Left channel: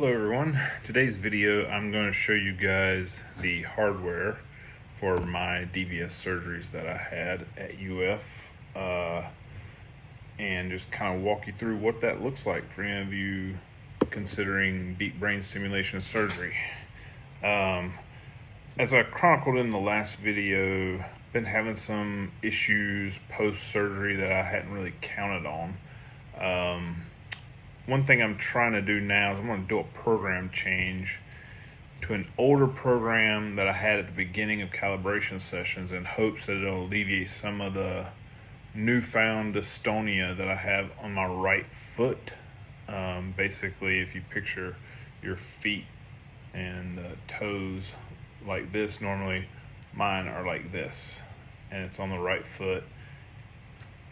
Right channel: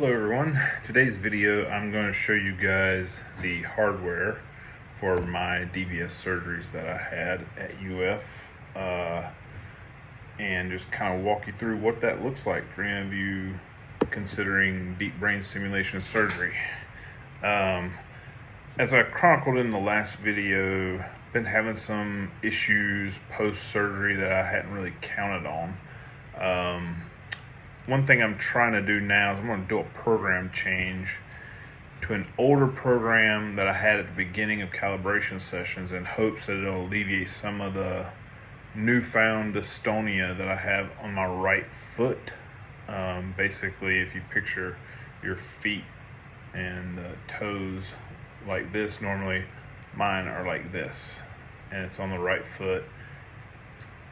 Hello everyone. Today's video I'm going to show you guys the hardware for my DBS surgeries that I had at UF and just kind of walk you through what that looks like for any of you considering deep brain stimulation surgery. As I chronicled in the last video, been having some issues post-surgery that I hadn't really counted on. One thing I'm trying to do now is I'm going to do a program change to an older program that I had at the beginning of calibration sessions in hopes that it'll alleviate some of the newfound dystonia that I have on my right foot. Basically, if you picture your feet and the toes like this, normally mine are like this, and it's on the right foot.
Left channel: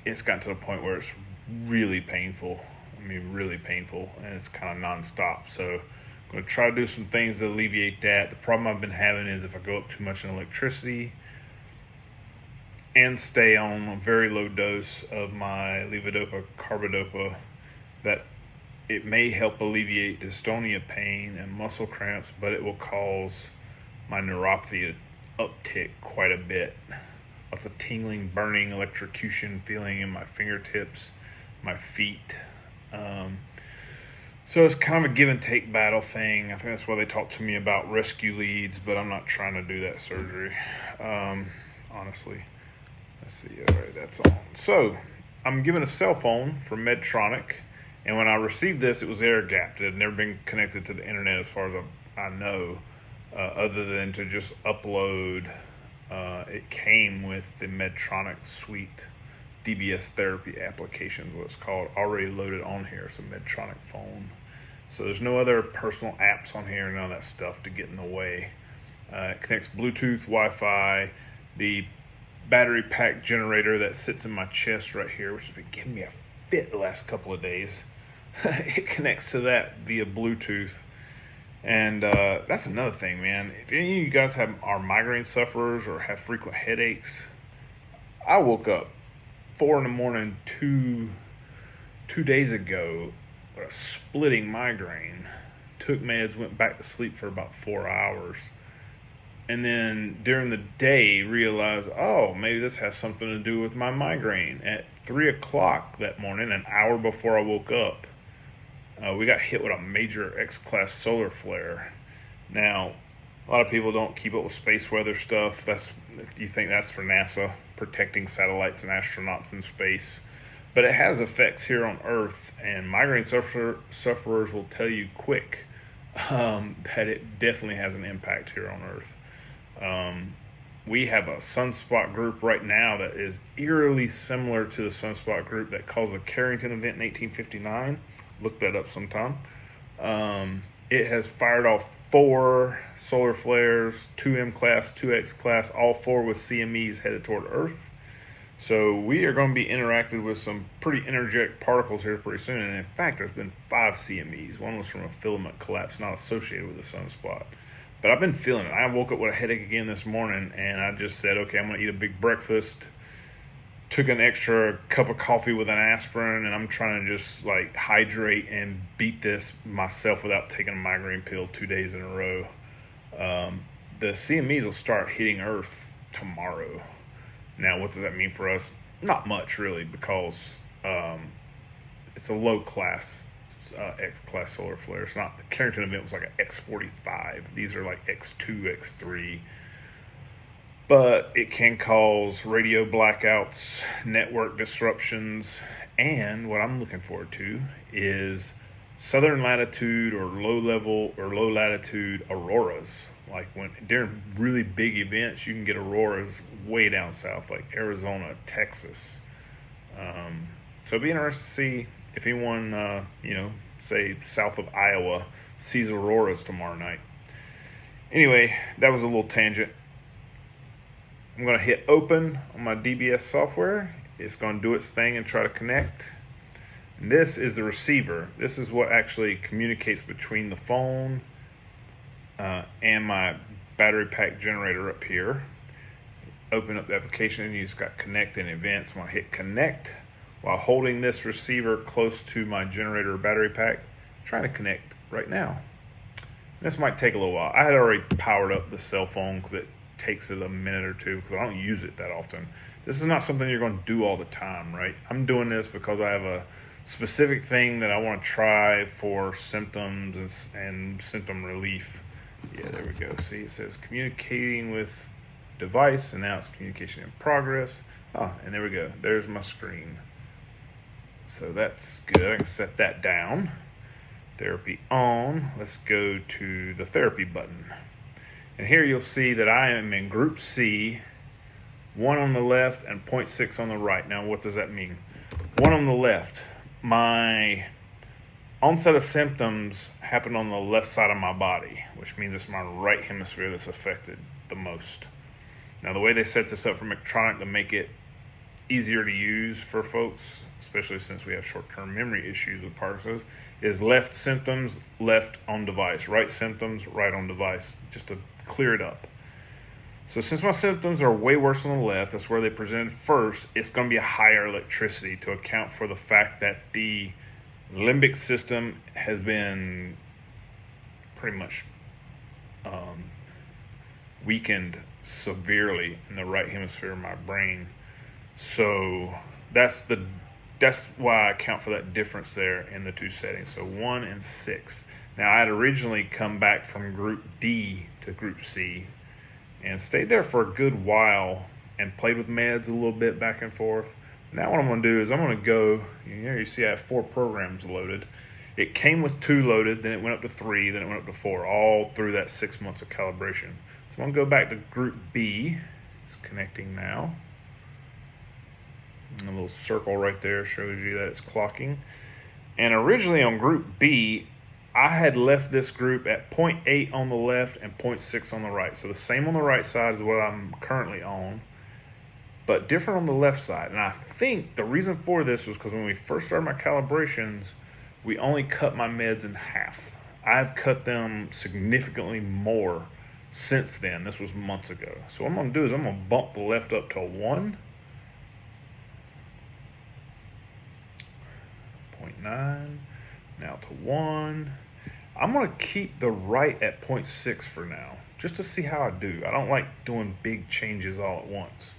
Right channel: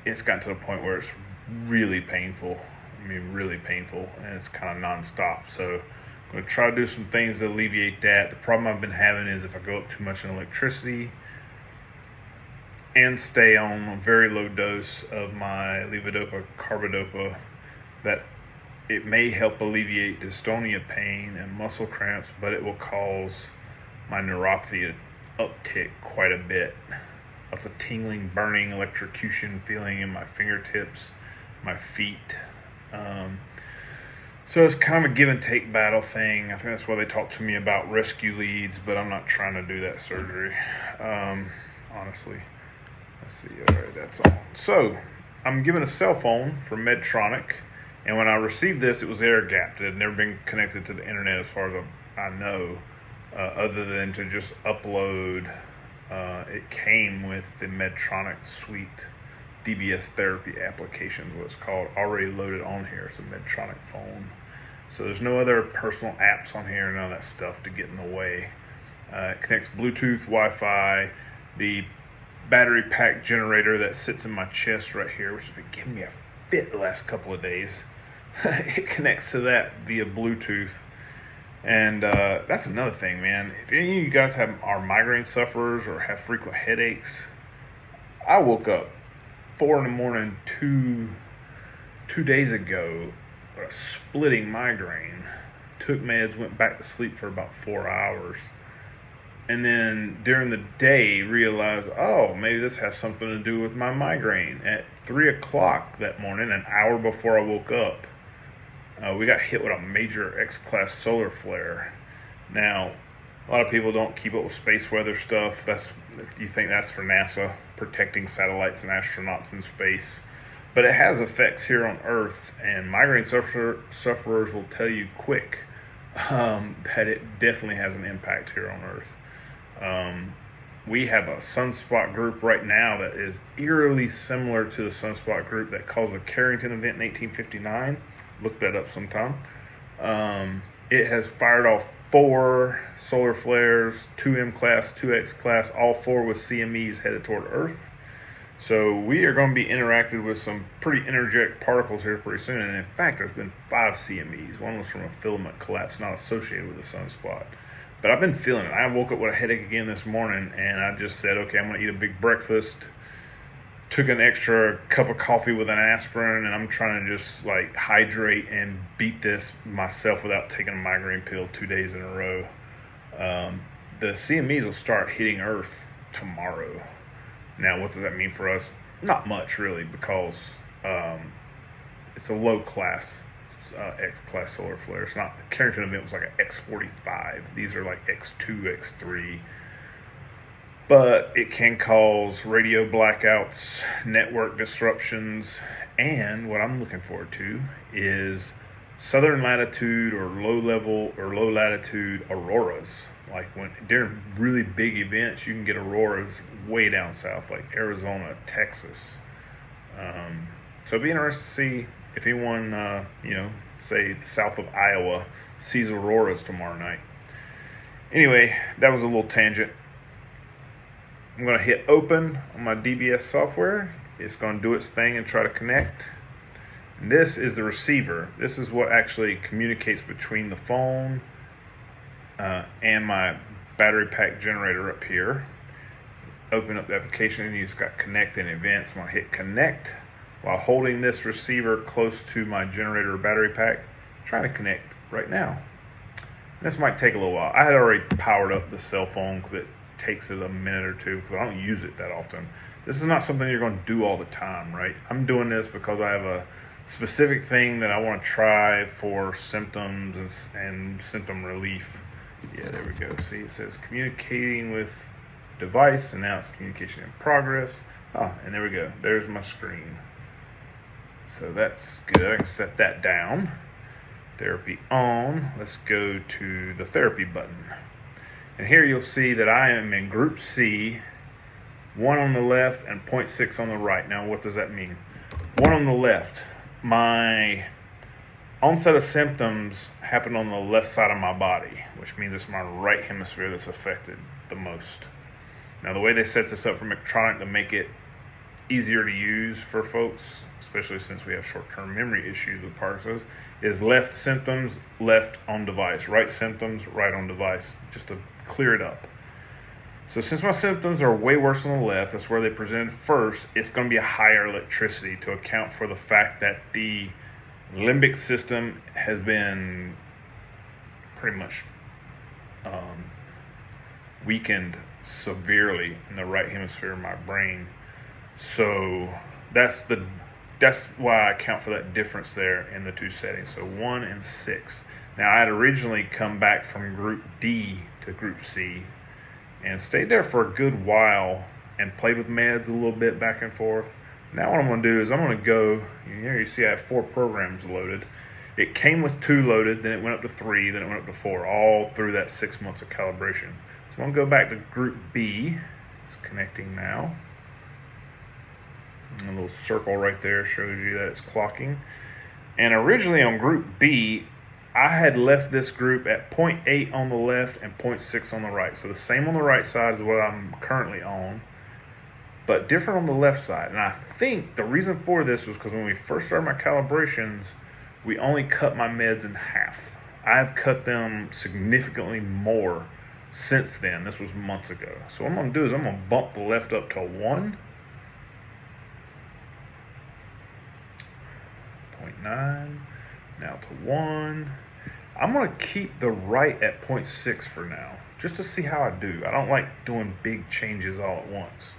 It's gotten to the point where it's really painful. Really painful, and it's kind of non-stop. So I'm going to try to do some things to alleviate that. The problem I've been having is if I go up too much in electricity and stay on a very low dose of my levodopa carbidopa, that it may help alleviate dystonia pain and muscle cramps, but it will cause my neuropathy to uptick quite a bit. Lots of tingling, burning, electrocution feeling in my fingertips, my feet. So it's kind of a give and take battle thing. I think that's why they talk to me about rescue leads, but I'm not trying to do that surgery. Honestly, let's see. All right, that's on. So I'm given a cell phone from Medtronic, and when I received this, it was air gapped. It had never been connected to the internet as far as I know, other than to just upload. It came with the Medtronic suite. DBS therapy applications, what it's called, already loaded on here. It's a Medtronic phone. So there's no other personal apps on here, none of that stuff to get in the way. It connects Bluetooth, Wi-Fi, the battery pack generator that sits in my chest right here, which has been giving me a fit the last couple of days. It connects to that via Bluetooth. And that's another thing, man. If any of you guys are migraine sufferers or have frequent headaches, I woke up 4 a.m. two days ago with a splitting migraine. Took meds, went back to sleep for about 4 hours. And then during the day realized, oh, maybe this has something to do with my migraine. At 3 o'clock that morning, an hour before I woke up, we got hit with a major X-class solar flare. Now, a lot of people don't keep up with space weather stuff. You think that's for NASA, protecting satellites and astronauts in space. But it has effects here on Earth, and migraine sufferers will tell you quick that it definitely has an impact here on Earth. We have a sunspot group right now that is eerily similar to the sunspot group that caused the Carrington event in 1859. Look that up sometime. It has fired off 4 solar flares, 2 M class, 2 X class, all 4 with CMEs headed toward Earth. So we are going to be interacted with some pretty energetic particles here pretty soon. And in fact, there's been 5 CMEs. One was from a filament collapse not associated with a sunspot. But I've been feeling it. I woke up with a headache again this morning, and I just said, okay, I'm going to eat a big breakfast. Took an extra cup of coffee with an aspirin, and I'm trying to just like hydrate and beat this myself without taking a migraine pill 2 days in a row. The CMEs will start hitting Earth tomorrow. Now, what does that mean for us? Not much, really, because it's a low class X-class solar flare. It's not, the Carrington event was like an X45. These are like X2, X3. But it can cause radio blackouts, network disruptions, and what I'm looking forward to is southern latitude or low level or low latitude auroras. Like when during really big events, you can get auroras way down south, like Arizona, Texas. So it'd be interesting to see if anyone, say south of Iowa, sees auroras tomorrow night. Anyway, that was a little tangent. I'm going to hit open on my DBS software. It's going to do its thing and try to connect. And this is the receiver. This is what actually communicates between the phone and my battery pack generator up here. Open up the application and you just got connect and events. I'm going to hit connect while holding this receiver close to my generator or battery pack. I'm trying to connect right now. This might take a little while. I had already powered up the cell phone because it takes it a minute or two because I don't use it that often. This is not something you're going to do all the time, right? I'm doing this because I have a specific thing that I want to try for symptoms and symptom relief. Yeah, there we go. See, it says communicating with device, and now it's communication in progress. Oh, and there we go. There's my screen. So that's good. I can set that down. Therapy on. Let's go to the therapy button. And here you'll see that I am in group C, 1 on the left and 0.6 on the right. Now, what does that mean? 1 on the left. My onset of symptoms happen on the left side of my body, which means it's my right hemisphere that's affected the most. Now, the way they set this up for Medtronic to make it easier to use for folks, especially since we have short-term memory issues with Parkinson's, is left symptoms, left on device, right symptoms, right on device, just to clear it up. So since my symptoms are way worse on the left, that's where they presented first, it's going to be a higher electricity to account for the fact that the limbic system has been pretty much weakened severely in the right hemisphere of my brain. So that's why I account for that difference there in the two settings. So 1 and 6. Now, I had originally come back from group D to group C and stayed there for a good while and played with meds a little bit back and forth. Now what I'm going to do is I'm going to go, you see I have 4 programs loaded. It came with 2 loaded, then it went up to 3, then it went up to 4, all through that 6 months of calibration. So I'm going to go back to group B. It's connecting now. And a little circle right there shows you that it's clocking. And originally on group B, I had left this group at 0.8 on the left and 0.6 on the right. So the same on the right side is what I'm currently on, but different on the left side. And I think the reason for this was because when we first started my calibrations, we only cut my meds in half. I've cut them significantly more since then. This was months ago. So what I'm going to do is I'm going to bump the left up to 1. 0.9, now to 1. I'm going to keep the right at 0.6 for now, just to see how I do. I don't like doing big changes all at once.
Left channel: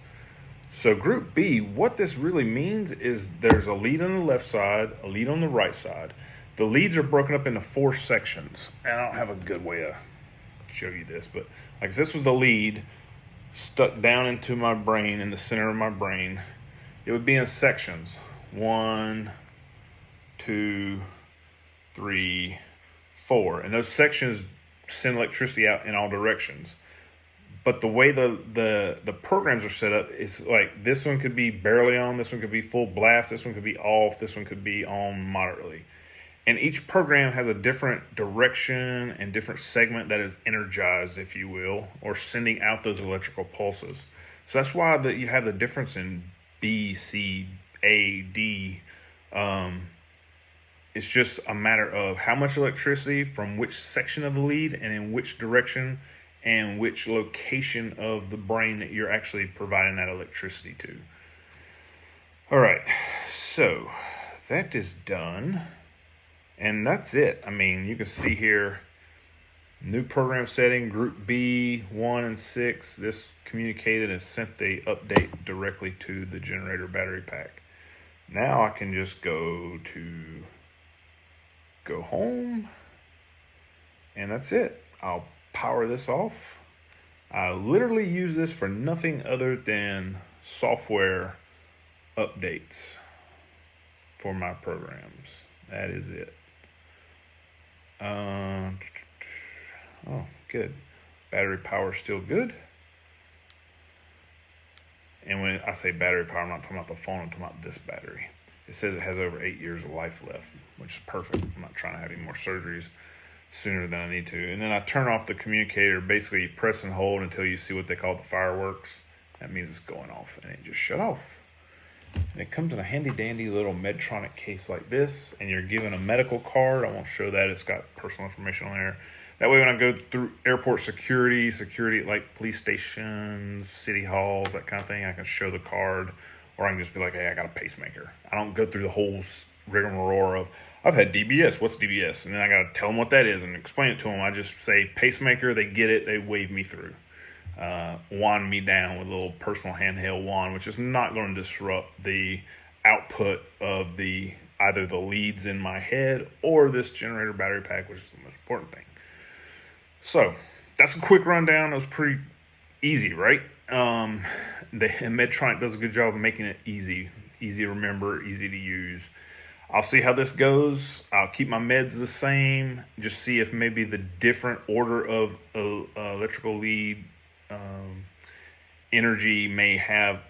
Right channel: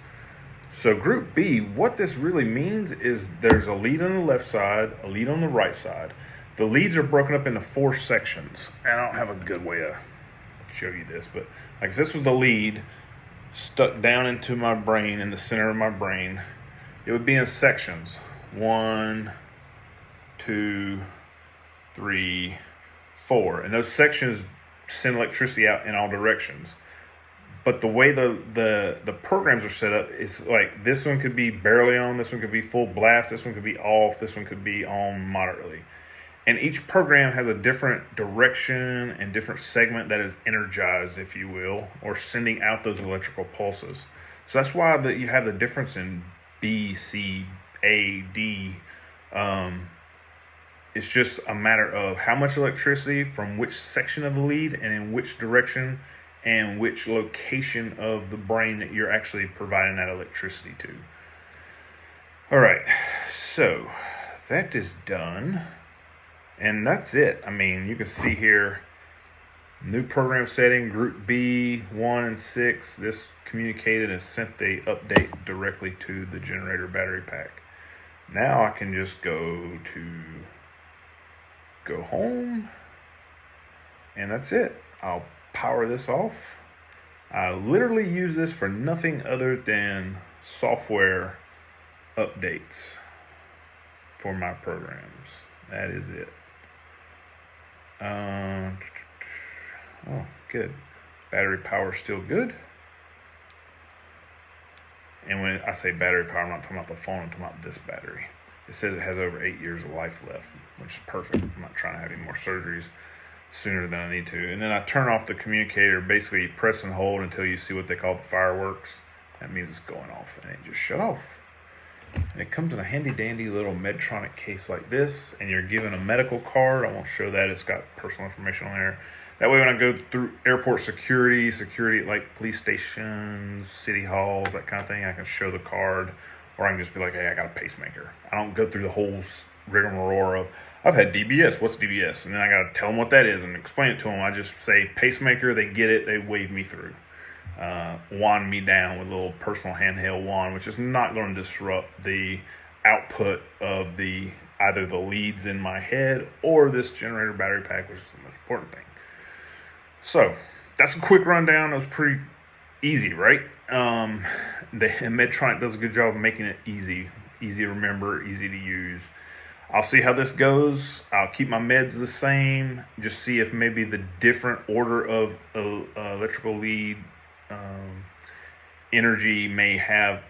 So group B, what this really means is there's a lead on the left side, a lead on the right side. The leads are broken up into 4 sections. And I don't have a good way to show you this, but like if this was the lead stuck down into my brain, in the center of my brain, it would be in sections. 1, 2, 3, 4. And those sections send electricity out in all directions. But the way the programs are set up, it's like this one could be barely on, this one could be full blast, this one could be off, this one could be on moderately. And each program has a different direction and different segment that is energized, if you will, or sending out those electrical pulses. So that's why you have the difference in B, C, A, D. It's just a matter of how much electricity from which section of the lead and in which direction and which location of the brain that you're actually providing that electricity to. All right, so that is done. And that's it. I mean, you can see here, new program setting, group B, 1 and 6. This communicated and sent the update directly to the generator battery pack. Now I can just go home, and that's it. I'll power this off. I literally use this for nothing other than software updates for my programs. That is it. Oh, good. Battery power still good. And when I say battery power, I'm not talking about the phone, I'm talking about this battery. It says it has over 8 years of life left, which is perfect. I'm not trying to have any more surgeries sooner than I need to. And then I turn off the communicator. Basically, you press and hold until you see what they call the fireworks. That means it's going off, and it just shut off. And it comes in a handy dandy little Medtronic case like this, and you're given a medical card. I won't show that. It's got personal information on there. That way when I go through airport security like police stations, city halls, that kind of thing, I can show the card, or I can just be like, hey, I got a pacemaker. I don't go through the whole rigmarole of, I've had DBS. What's DBS? And then I got to tell them what that is and explain it to them. I just say pacemaker. They get it. They wave me through. Wand me down with a little personal handheld wand, which is not going to disrupt the output of the either the leads in my head or this generator battery pack, which is the most important thing. So that's a quick rundown. It was pretty easy, right? Medtronic does a good job of making it easy to remember, easy to use. I'll see how this goes. I'll keep my meds the same. Just see if maybe the different order of electrical lead energy may have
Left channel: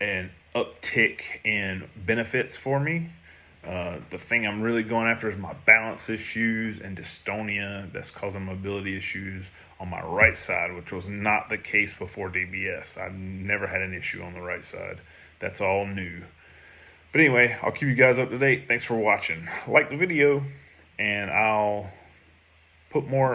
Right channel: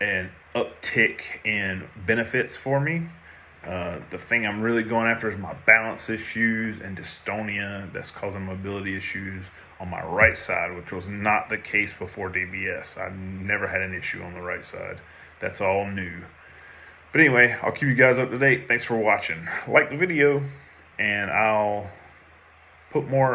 an uptick in benefits for me. The thing I'm really going after is my balance issues and dystonia that's causing mobility issues on my right side, which was not the case before DBS. I've never had an issue on the right side. That's all new. But anyway, I'll keep you guys up to date. Thanks for watching. Like the video, and I'll put more